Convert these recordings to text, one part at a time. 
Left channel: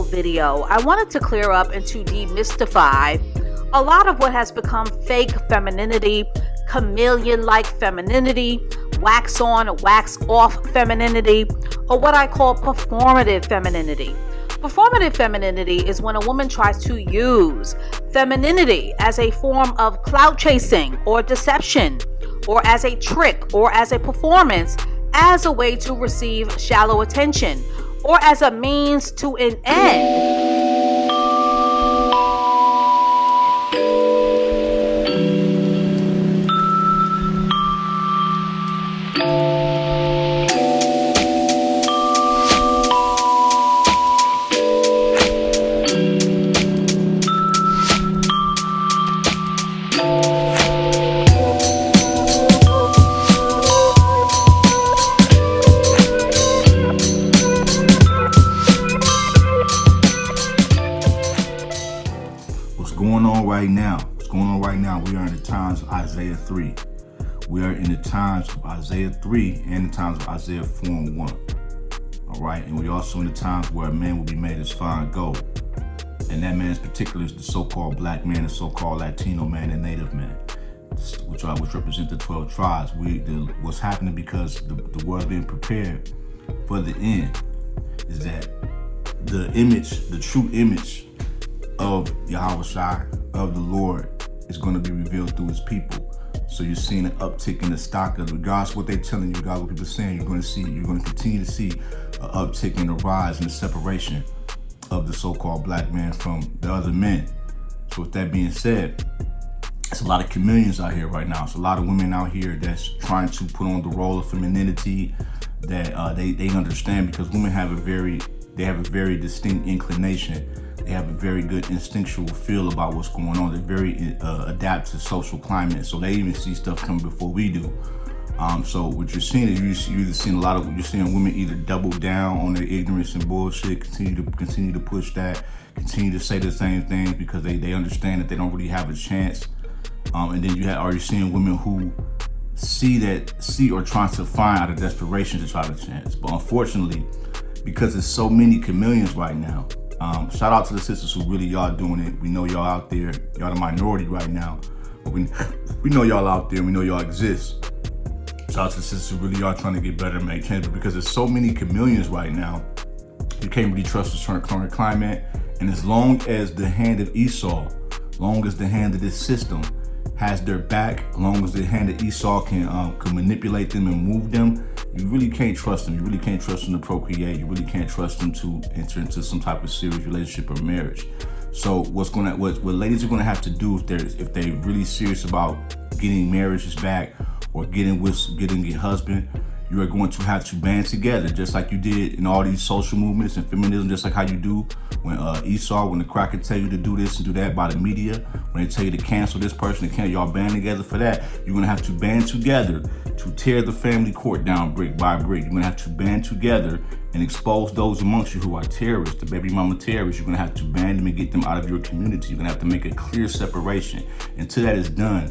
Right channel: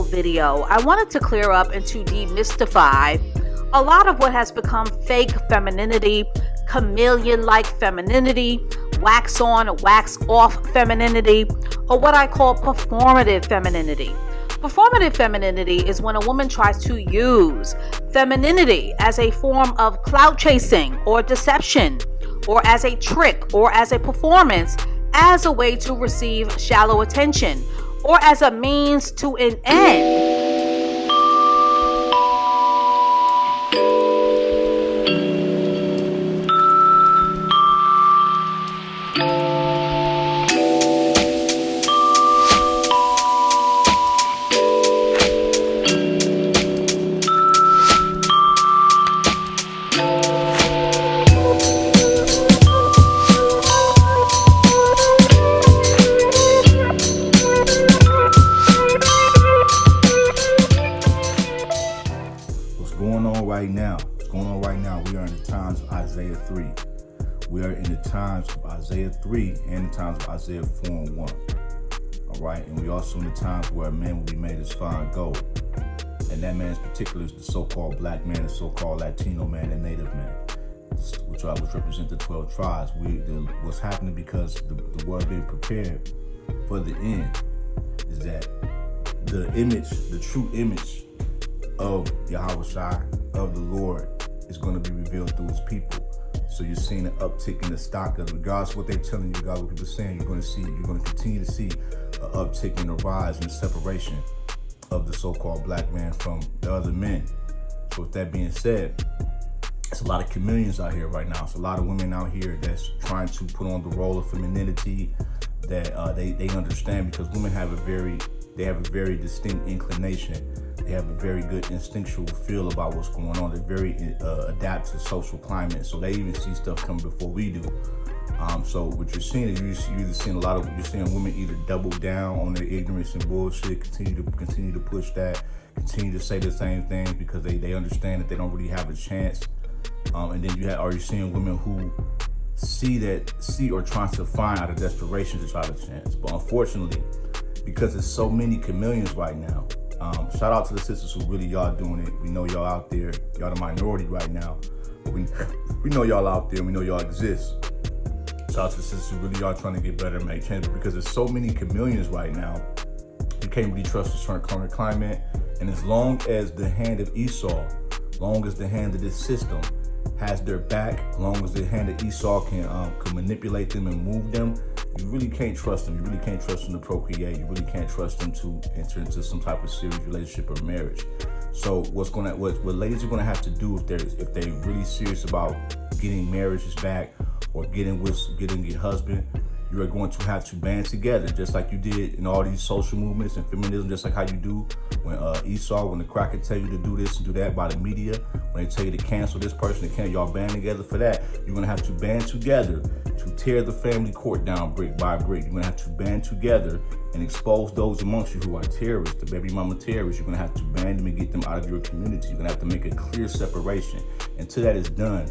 full video, I wanted to clear up and to demystify a lot of what has become fake femininity, chameleon-like femininity, wax on, wax off femininity, or what I call performative femininity. Performative femininity is when a woman tries to use femininity as a form of clout chasing or deception, or as a trick or as a performance, as a way to receive shallow attention, or as a means to an end. We are in the times of Isaiah 3. We are in the times of Isaiah 3 and the times of Isaiah 4 and 1. All right, and we also in the times where a man will be made as fine gold. And that man in particular is the so-called black man, the so-called Latino man, and Native man, which represent the 12 tribes. What's happening because the world being prepared for the end is that the true image of Yahweh, of the Lord, is going to be revealed through his people. So you're seeing an uptick in the stock of, regardless of what they're telling you, regardless of what people are saying, you're going to continue to see an uptick in the rise and the separation of the so-called black man from the other men. So with that being said, it's a lot of chameleons out here right now. It's a lot of women out here that's trying to put on the role of femininity that they understand, because women have a very distinct inclination. They have a very good instinctual feel about what's going on. They're very adapted to social climate, so they even see stuff coming before we do. So what you're seeing is you're seeing women either double down on their ignorance and bullshit, continue to push that, continue to say the same things because they understand that they don't really have a chance. And then you have already seen women who see or trying to find out of desperation to try to chance. But unfortunately, because there's so many chameleons right now, shout out to the sisters who really are doing it. We know y'all out there. Y'all the minority right now. We know y'all out there. We know y'all exist. Shout out to the sisters who really are trying to get better and make change. But because there's so many chameleons right now, you can't really trust the current climate. And as long as the hand of Esau, long as the hand of this system has their back, as long as the hand of Esau can manipulate them and move them, you really can't trust them. You really can't trust them to procreate. You really can't trust them to enter into some type of serious relationship or marriage. So what ladies are gonna have to do if they're really serious about getting marriages back or getting a husband, you are going to have to band together, just like you did in all these social movements and feminism, just like how you do when when the cracker tell you to do this and do that by the media, when they tell you to cancel this person, y'all band together for that. You're gonna have to band together to tear the family court down brick by brick. You're gonna have to band together and expose those amongst you who are terrorists, the baby mama terrorists. You're gonna have to band them and get them out of your community. You're gonna have to make a clear separation. Until that is done,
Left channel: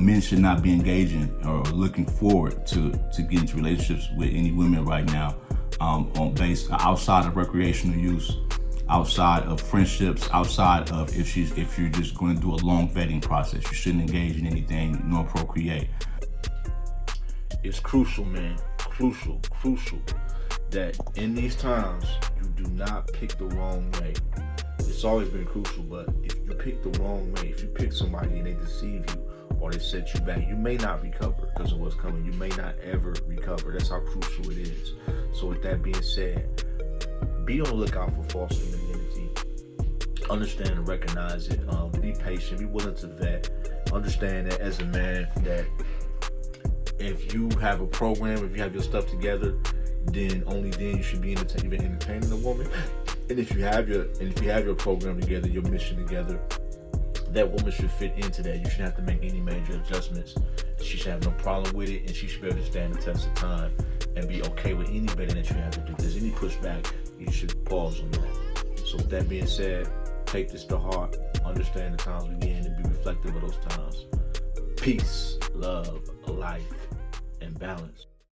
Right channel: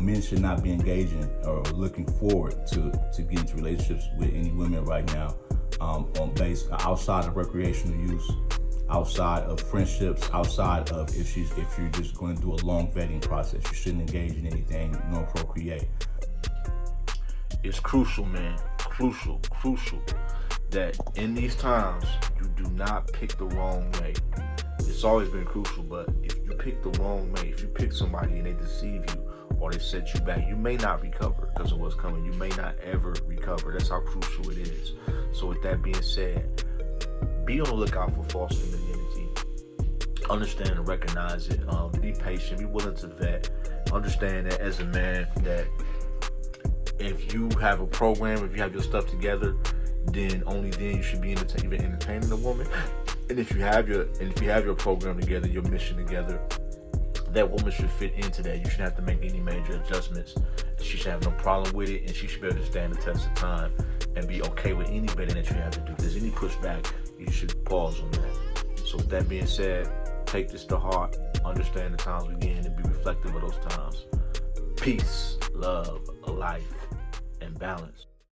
men should not be engaging or looking forward to get into relationships with any women right now, outside of recreational use, outside of friendships, outside of if you're just going to do a long vetting process. You shouldn't engage in anything nor procreate. It's crucial, man. Crucial that in these times you do not pick the wrong way. It's always been crucial, but if you pick the wrong way, if you pick somebody and they deceive you or they set you back, you may not recover because of what's coming. You may not ever recover. That's how crucial it is. So with that being said, be on the lookout for false femininity. Understand and recognize it. Be patient. Be willing to vet. Understand that as a man, that if you have a program, if you have your stuff together, then only then you should be entertaining a woman. And if you have your program together, your mission together, that woman should fit into that. You shouldn't have to make any major adjustments. She should have no problem with it, and she should be able to stand the test of time and be okay with any vetting that you have to do. If there's any pushback, you should pause on that. So with that being said, take this to heart, understand the times we're in, and be reflective of those times. Peace, love, life, and balance.